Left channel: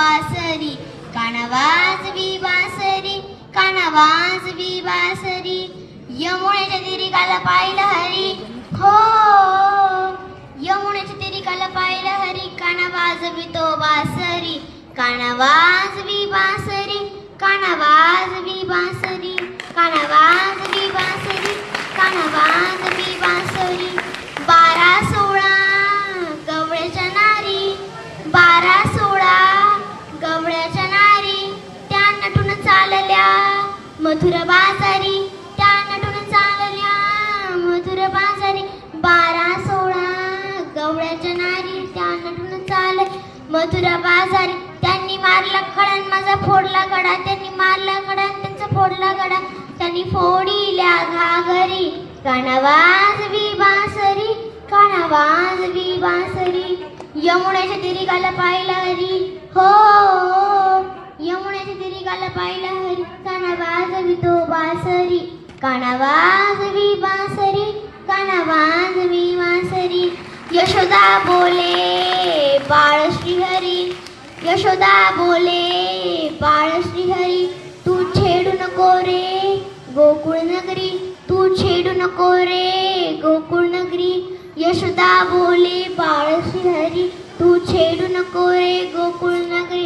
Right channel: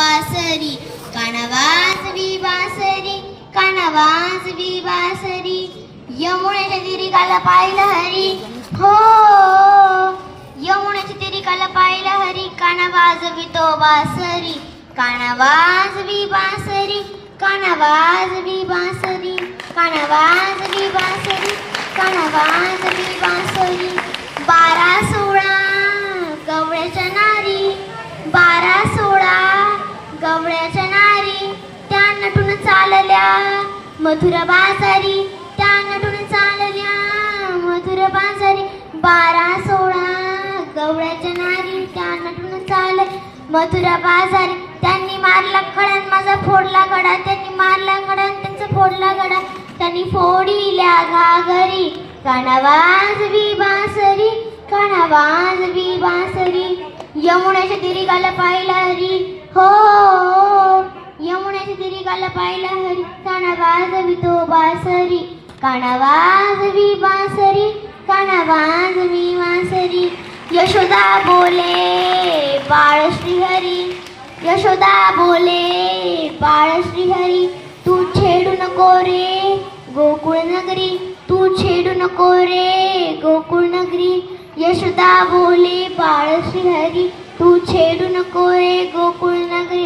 बासरी, काना वाजवी बासरी, काना वाजवी बासरी. यमुनेच्या तिरिकाला पाहिलं हरी, हो यमुनेच्या तिरिकाला पाहिलं हरी, काना वाजवी तो बासरी, काना वाजवी बासरी, काना वाजवी बासरी, काना वाजवी बासरी, काना वाजवी बासरी. 12-16 गवळ्याच्या नारी, 12-16 गवळ्याच्या नारी, त्या नटून चालल्या मथुर बाजारी, त्या नटून चालल्या मथुर बाजारी. 12-16 गवळ्याच्या नारी, त्या नटून चालल्या मथुर बाजारी. त्यांनी मारला खडा माझा फोडला गडा, त्यांनी मारला गडा त्यांचा फोडला गडा, त्यांनी फोडिल्या घागरी, काना वाजवी बासरी, काना वाजवी बासरी. यमुनेच्या तिरिकाला पाहिलं हरी, हो यमुनेच्या तिरिकाला पाहिलं हरी, काना वाजवी तो बासरी, काना वाजवी बासरी, काना वाजवी बासरी. यशोदा बोले बाळ श्रीहरी, यशोदा बोले बाळ श्रीहरी, तू छेडू नको रे गोकुळ नगरी, तू छेडू नको रे गोकुळ नगरी. यशोदा बोले बाळ श्रीहरी, तू छेडू नको रे गोकुळ नगरी.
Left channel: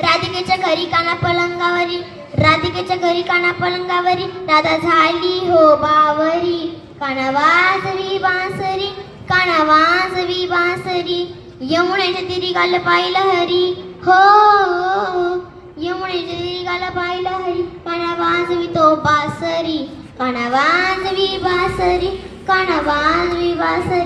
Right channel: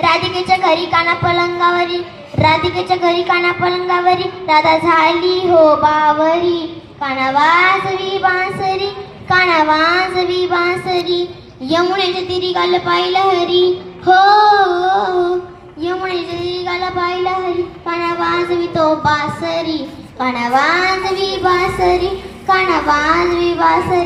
राधिकेच्या घरी काना पलंगावरी, राधिकेच्या घरी काना पलंगावरी, राधा झाली हो बावरी, काना वाजवी बासरी, काना वाजवी बासरी. यमुनेच्या तिरिकाला पाहिलं हरी, हो यमुनेच्या तिरिकाला पाहिलं हरी, काना वाजवी तो बासरी, काना वाजवी बासरी, काना वाजवी बासरी.